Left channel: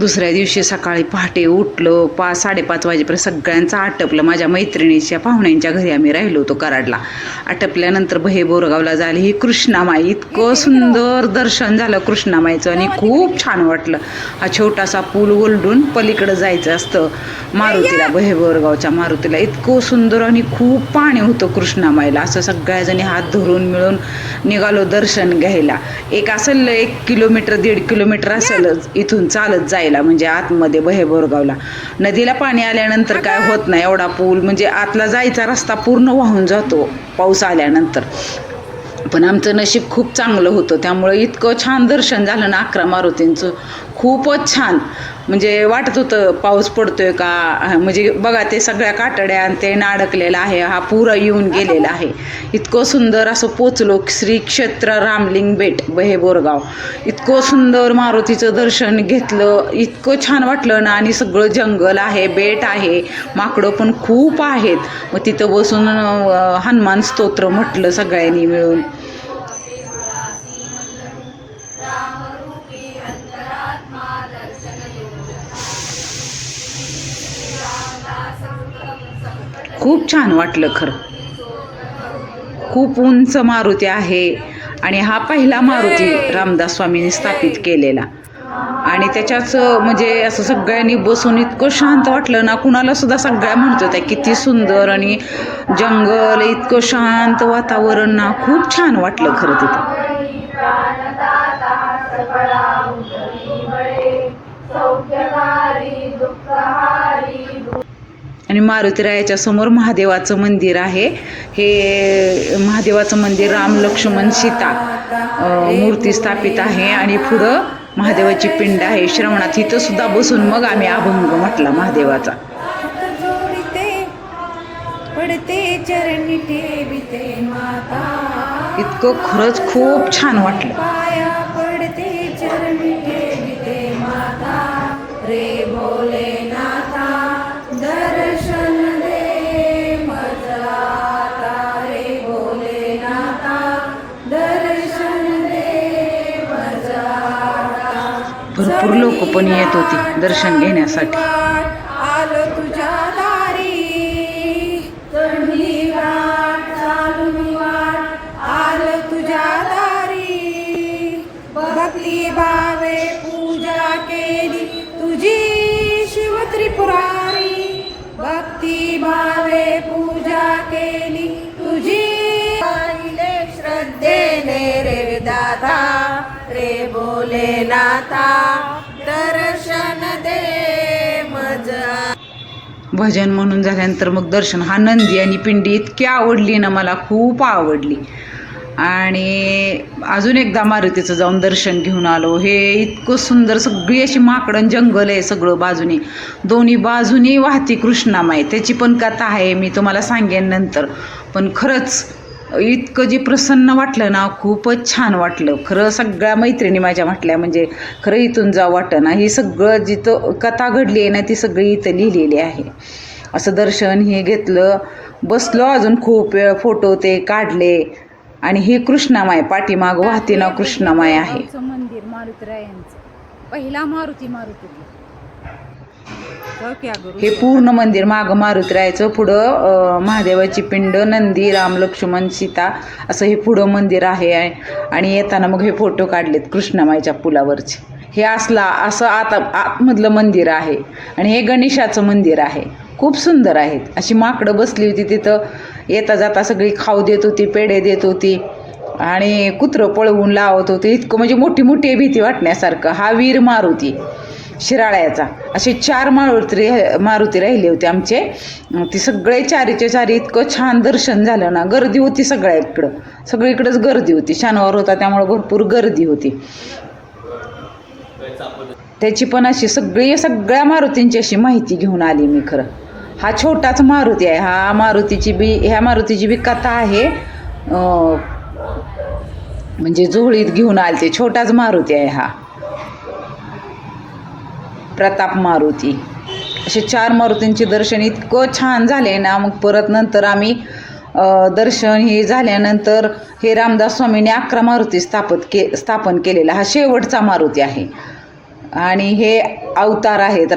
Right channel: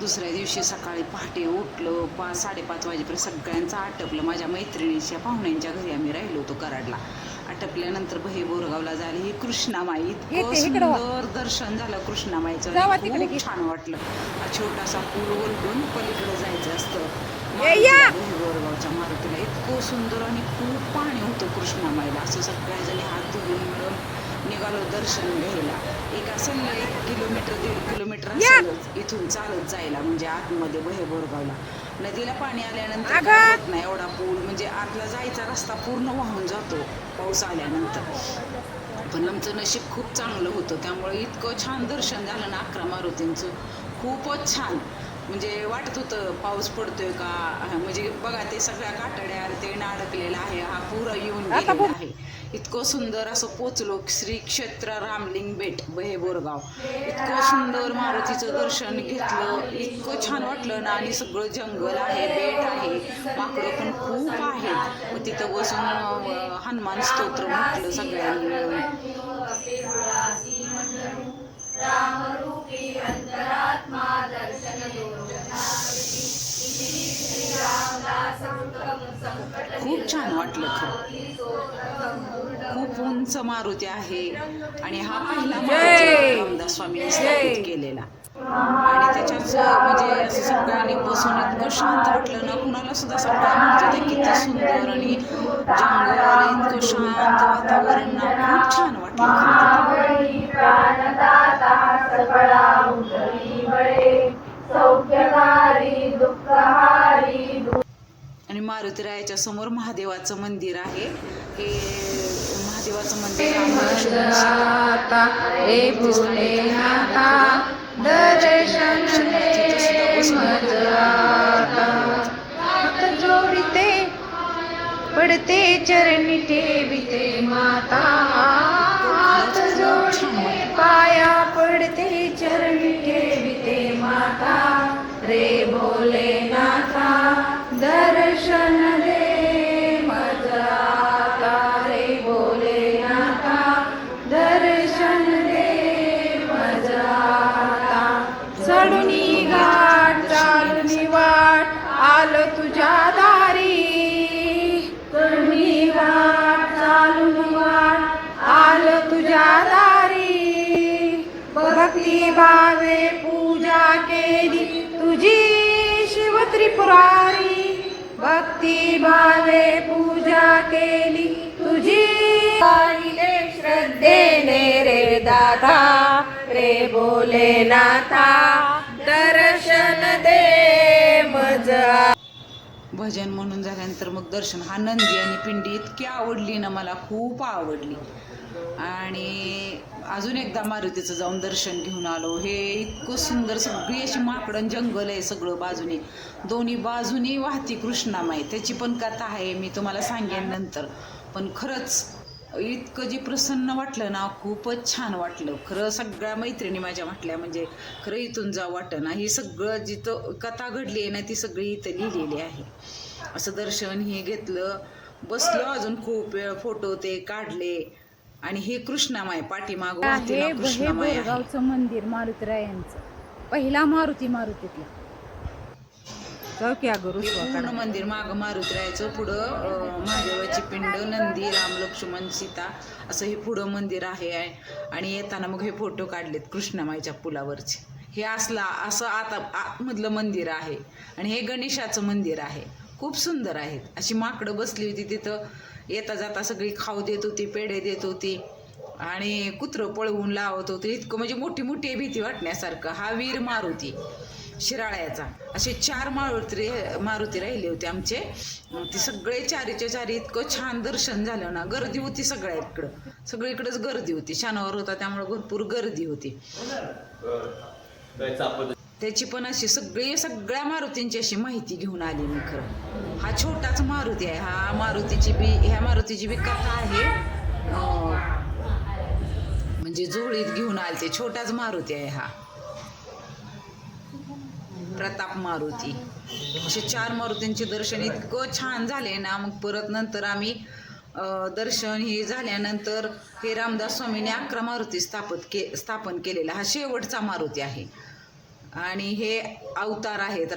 दुसऱ्या दिवशी सकाळी पहाटे उठलो, 5-5:30 वाजेपर्यंत सगळ्यांचं आटपलं. माझ्या मैत्रिणीच्या पाहुण्यांच्या घरी आम्ही राहिलो होतो कराडला. आटपल्यानंतर बहे बोरगावला झाली ही कृष्णामाई. इतकं सुंदर दर्शन झालं कृष्णामाईचं आणि खूप छान वाटलं. हा छोटासा पूल ओलडून पलीकडं जायचं असतं मारुतीला, बहे बोरगावच्या मारुतीला. इतकं सुंदर आणि खूप पाणी होतं कृष्णामाईला. असं सगळ्याजणी हात धरून मिळून निघालो दर्शन घ्यायला. एक असेल 1 किलोमीटर 1.5 किलोमीटर असेलच इथून चालत जायला, म्हणजे आतमध्ये बहे बोरगावला. नदीला पाणी आल्यानंतर काय होत नाही, एवढा पूल म्हणजे आतला जायचा रस्ता पूर्ण वाहून जातो पाऊस आल्यानंतर. पण आमचं नशीब खूप चांगलं होतं, त्यामुळे इतकं छान दर्शन झालं ना 11 मारुतींचं. खूपच छान, म्हणजे वाटत होतं पाऊस पडतोय का. म्हणजे बघा ते सगळ्या कातड्या आणि ते अडकलेलं आहे, हा पुरा येऊन गेलेला आहे. इतकं सुंदर असं पोचलो. श्री क्षेत्र रामलिंग बेट बहे बोरगाव. इतकं सुंदर मारुतीचं दर्शन घेतलं, इतकं छान वाटलं ना. आणि सगळं जंगल आहे, बेट आहे, माकडं पण खूप आहेत. मग तिथं बसून हनुमान स्तोत्र म्हटलं सगळ्यांनी मिळून. खूप छान वाटलं खरं. खूप उंच मारुती आहे आणि हा पहिला मारुती रामदास स्वामींनी स्थापित केलेला. आणि त्याच्याच म्हणजे असं सगळ्यांनी बसून इतकं शांत वाटलं ना. कुणाला सुद्धा सगळ्या म्हणत होत्या किती सुंदर आणि जंगल, इतकं शांत वातावरण ना. खूप छान वाटलं खरं तिथं. आणि मारुतीरायाच्या समोर महादेवाचं मंदिर आहे. हे महादेवाचं मंदिर राम लक्ष्मण सीता मूर्ती स्थापित आहे. आणि पुढं महादेवाची पिंड आहे श्रवणात. इथं सुद्धा बसून मग आम्ही अभंग म्हटला महादेवाचा. पडते चरणी ठेविते माता. इतकं खरंच खूप छान वाटलं. पाया पडते चरणी ठेविते माता, रे भोलेनाथा दर्शन दे माझा आता, रे भोलेनाथा दर्शन दे माझा आता. भरपूर लोक पण येत होती दर्शन घेण्यासाठी. आलो तुझ्या दारी, चढली वाट चालून वाट आलो तुझ्या दारी. भक्ती भावे पूजा केली तुझी शिव त्रिपुरारी, भक्ती भावे पूजा केली तुझी. पाहिले श्रद्धेने रे दादा, रे भोलेनाथा दर्शन दे मजा. भजन म्हणून झाल्यानंतर मग दर्शन. हा नंदी आणि पिंडी इतकी आवडली ना मला, खूप आवडली. आणि अजून एकदा मारुतीचं जाऊन दर्शन घेऊन आलो. हे इतकं सुंदर, सगळी अशी माकडं जंगल आहे सगळं बाजूनी, दोन्ही बाजूनी वाहती कृष्णामाई. त्याची पण कथा आहे, मी तुम्हाला सांगेन नंतर. पण खरंच इतकं जे प्रसन्न वाटलं ना, खूपच छान वाटलं खरं. सगळ्या मैत्रिणी माझ्या म्हटल्या म्हणजे खरं इथून जावं वाटतं ना. ही सगळं जिथं कथा घडली आहे ना ती सगळी इथं लिहिलेली आहे. असं दर्शन हे घेतलं, बसलो अजून खूप वेळ, फोटो ते काढले. आणि ही कृष्णामाई पाठीमाग वाहती ना कृष्णामाई आहे. मंदिर मारुतीरायांचं पहिला मारुतीतलं. हे पूर्ण मंदिर माग मारुतीरायाचं, पुढं महादेवाची पिंड, नंदी, राम लक्ष्मण सीता असं हे पुढं मंदिर आहे. आणि येताना मग हे फोटो काढलेत कृष्णामाईच्या पुलावरचे. हे असं आतमधलं मंदिर आहे. आणि हे गणेशाचं मंदिर आहे. खूप सुंदर आहेत. अशी माकडं बसली होती तिथं, येता जाता सगळी खाऊ देत होती, पेढे देत होती आणि कुत्रं पळवून लावत होते. इतकं म्हणजे मोठी मोठी भीती वाटण्यासारखं. हा वीर मारुती शिराळ्याचा. असे 4 मारुती राहिले होते आमचे. ती सगळे चारीच्या चारी इतकं छान दर्शन झालं ना. गर्दी होती सगळीकडंच गर्दी होती. शनिवार होता त्यामुळे भरपूर गर्दी होती. त्याची पण अशी सगळ्या मारुतींची अशी माहिती घेऊन आली मी खरं. हा छोटाच मारुती आहे. ह्या मारुतीची बी कथा आहे. म्हणजे जोळीत घेऊन आले ते. छोटाच मारुती आहे हा, प्रताप मारुती. असे 4 मारुतींचे दर्शन इतकं छान झाले ना. मग परत नंतर आम्ही दर्शन हे झाल्यानंतर हे रामदास स्वामींनी 11 मारुती स्थापन केलेला हा शेवटचा मारुती आहे. आणि हे अवतार आहेत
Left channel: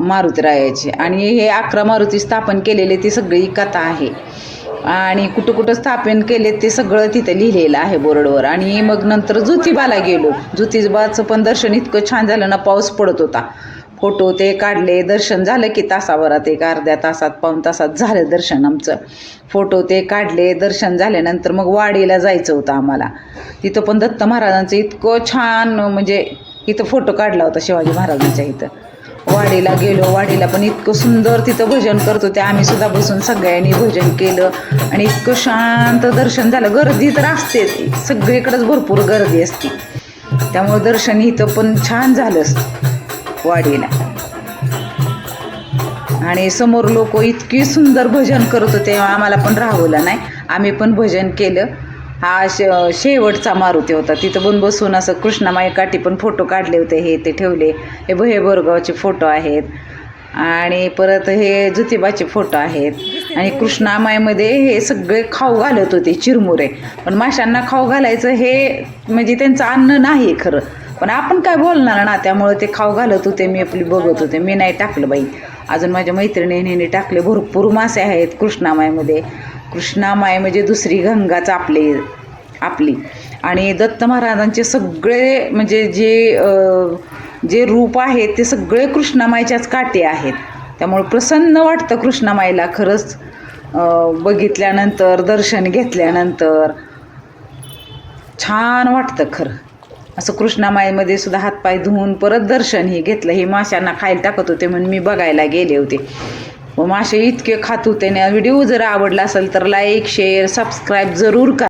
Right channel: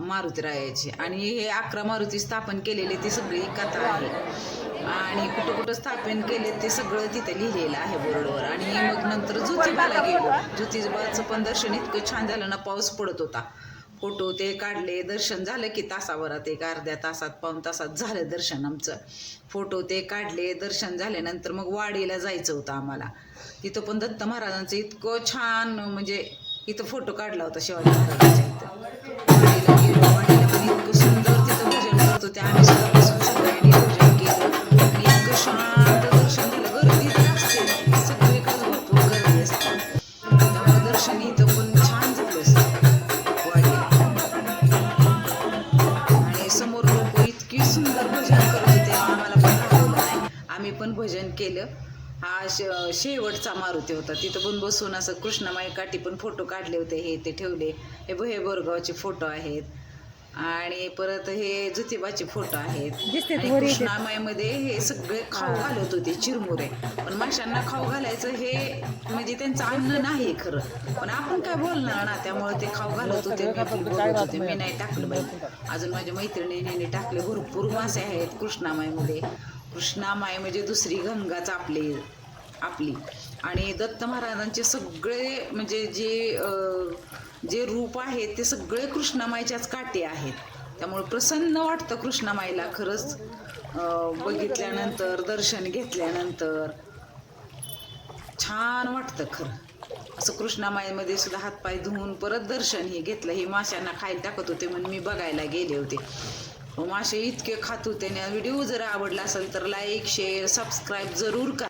मारुतीरायाचे. आणि हे 11 मारुती स्थापन केलेले ती सगळी कथा आहे. आणि कुठं कुठं स्थापन केले ते सगळं तिथं लिहिलेलं आहे बोर्डवर. आणि मग नंतर ज्योतिबाला गेलो. ज्योतिबाचं पण दर्शन इतकं छान झालं ना, पाऊस पडत होता. फोटो ते काढले, दर्शन झालं की तासाभरात, एक अर्ध्या तासात पाऊण तासात झालं दर्शन आमचं. फोटो ते काढले, दर्शन झाल्यानंतर मग वाडीला जायचं होतं आम्हाला. तिथं पण दत्त महाराजांचं इतकं छान, म्हणजे इथं फोटो काढला होता शिवाजी महाराजांच्या इथं. वाडीला गेलो. वाडीला पण इतकं सुंदर तिथं भजन करत होते. आम्ही सुद्धा बसून सगळ्यांनी भजन केलं आणि इतकं शांत दर्शन झालं. गर्दी तर असते, सगळीकडेच भरपूर गर्दी असते, त्यामुळे दर्शन इथं पण छान झालं वाडीला. आणि समोर लोक इतकी सुंदर भजन करत होते, आम्हाला पण राहवलं नाही, आम्ही पण भजन केलं. हा शेवटचा मारुती होता. तिथं पण बसून असं कृष्णामाई काठी पण फोटो काढले होते, हे ते ठेवले. हे भये बोरगावचे फोटो आहेत. आणि परत हे ज्योतिबाचे फोटो आहेत. आणि कृष्णामाईमध्ये हे सगळे खाऊ घालत होते, चिरमुरे. पण माशांना खाऊ घालायचं हे म्हणजे त्यांचं अन्न नाही खरं, पण आपण काय बोलणार ना, त्यामुळे ते खाऊ घालत होते. मी आपली बघत होते, मी नाही टाकलं बाई. अजून माझ्या मैत्रिणीने टाकले. भरपूर मासे आहेत कृष्णामाईमध्ये. कृष्णामाई म्हणजे दुसरी गंगाच आपली. आणि दत्त महाराजांचे सगळे म्हणजे जे रूप आहेत ते सगळे कृष्णामाईच्याच काठी आहेत. त्यामुळे प्रसन्न वाटतं कृष्णामाईला खरंच. बघितल्यानंतर, दर्शन घेतल्यानंतर छान वाटतं खरं. असं कृष्णामाईमध्ये सुद्धा हातपाय धुवून परत दर्शन हे घेतलं. हे माशांना खायला टाकत होते म्हणून मी बघायला गेले होते. मासे इतके खात होते ना. व्हिडिओ जर आवडला असेल तर लाईक, शेअर, सबस्क्राईब जरूर करा.